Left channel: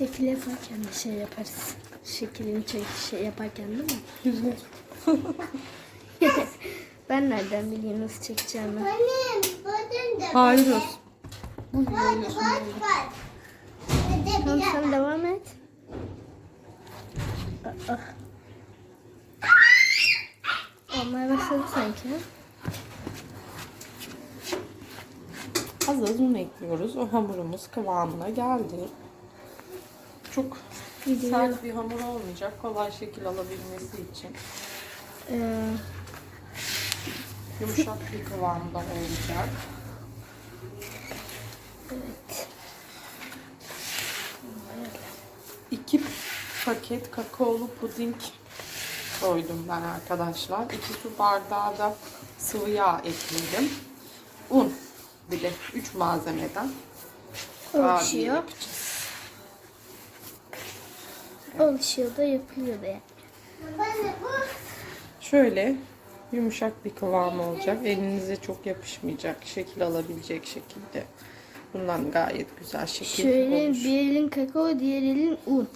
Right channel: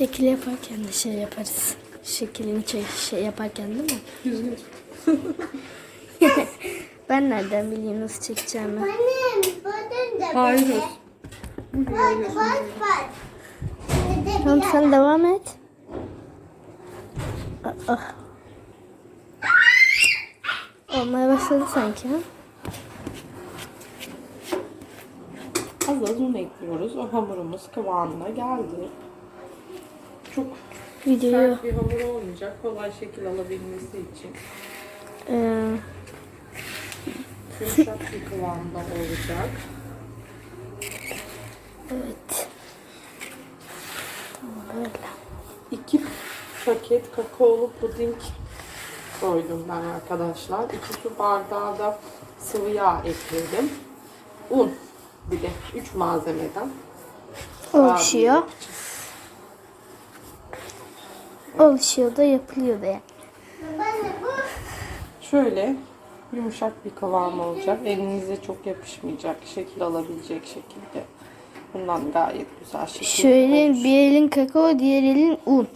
Şekil yaparken de şey yaparız. Şekilini çek, şey yaparken değil mi? Düzgün. Ben nereden bileyim nasıl çekeceğimi? Annem, buradan da Hayır. böyle. Bak, bak, bak. Burada Tamam sen devam et. Aa. Olmaya başladı sanki ha? Az az un ekliyoruz. O hamurumuz kıvamına geldi. Çok Videoyu sert bir hamur olmayacak. Kolay şekil alabilmesi için. Ee, Yumuşak bir kıvamda olacak. evet. Tamam öyle. İki paket kakaolu puding koydum ben arkadaşlar. İki su bardağı da sıvı yağ ekledim. Un bir de üç malzemeden. Oluşuyor. Kurabiye yapacağız. Oluşuyor da yapılıyor da yani. Şöyle yumuşak bir kıvam olacak. Elinize çok yapışmayacak, şekil alabilecek şekilde. Bundan gayet güzel şekil Şöyle olur. bir elin kakao, diğer elin un.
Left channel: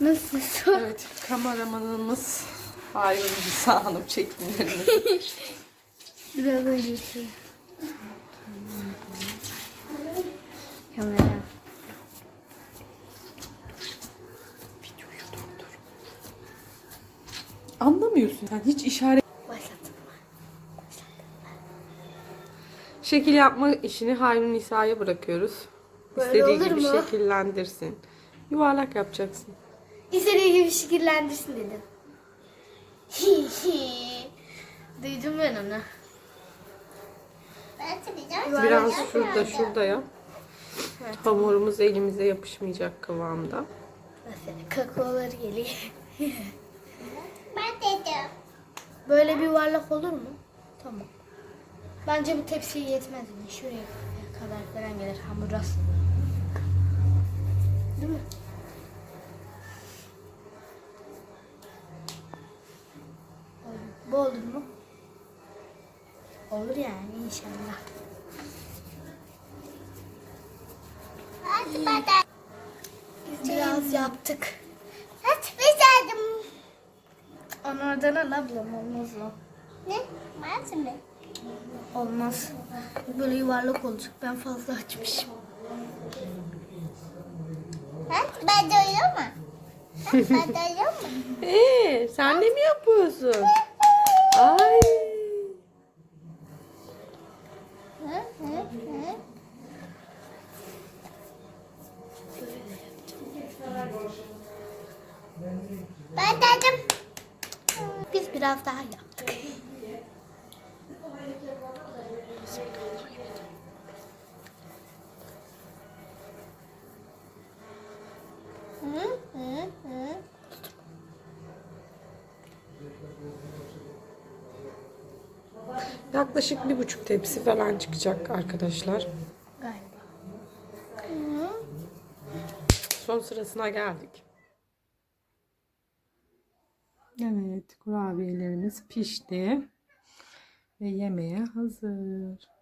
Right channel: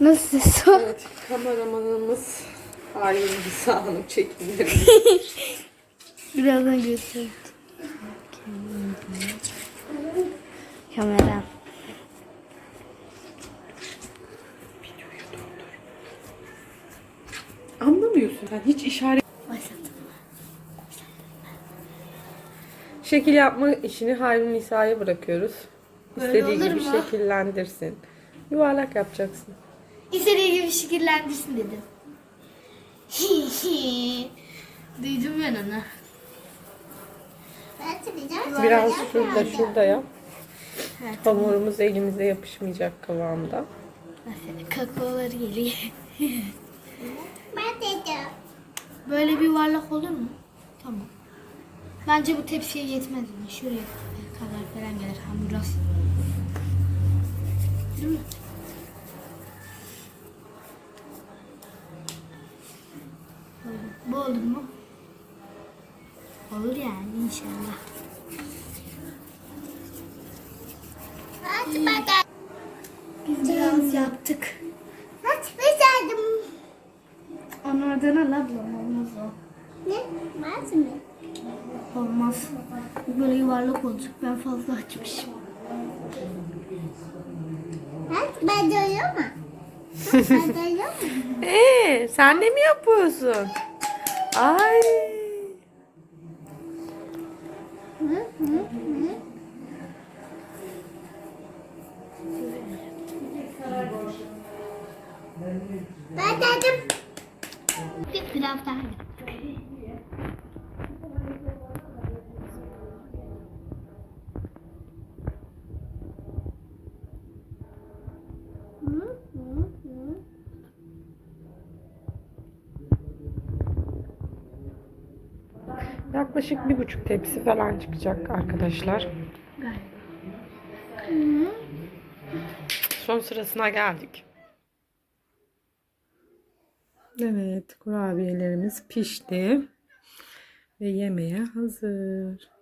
Nasıl sor? Evet, kameramanımız Halim Nisa Hanım çekimleri. Birazdan göstereyim. Kamera. Anlamıyorsun sen hiç işaret. Şekil yapma işini Halim Nisa'ya bırakıyoruz. Böyle İstediği olur gibi mu? şekillendirsin. Yuvarlak yapacaksın. İstediği gibi şekillendirsin dedim. Hi hi. Duydum ben onu. Biraz şurada şurada yap. Hamurumuz elimize yapışmayacak kıvamda. Mesela kakaoları geliyor. Böyle bir yuvarlak olur mu? Tamam. Bence bu tepsiye yetmez mi? Şuraya kadar falan gelir hamur az. Değil mi? Bu olur mu? Olur yani inşallah. Aç bakalım. Biz biraz yaptık. Aç bakalım. Onu oradan al ablam olmaz o. Ne? Olmaz. Bu böyle yuvarlak olacak. Ben fazla açmışım. Aç ben doyuyor mu? Aç ben doyuyor mu? Ee, sen de mi yapıyorsun? Ay. Hı hı hı. Ben dedim. Biz biraz daha yaptık. Hı hı hı. Yaklaşık bir buçuk tepsi falan çıkacak arkadaşlar. Son sırasına geldik. Evet, kurabiyelerimiz pişti ve yemeğe hazır.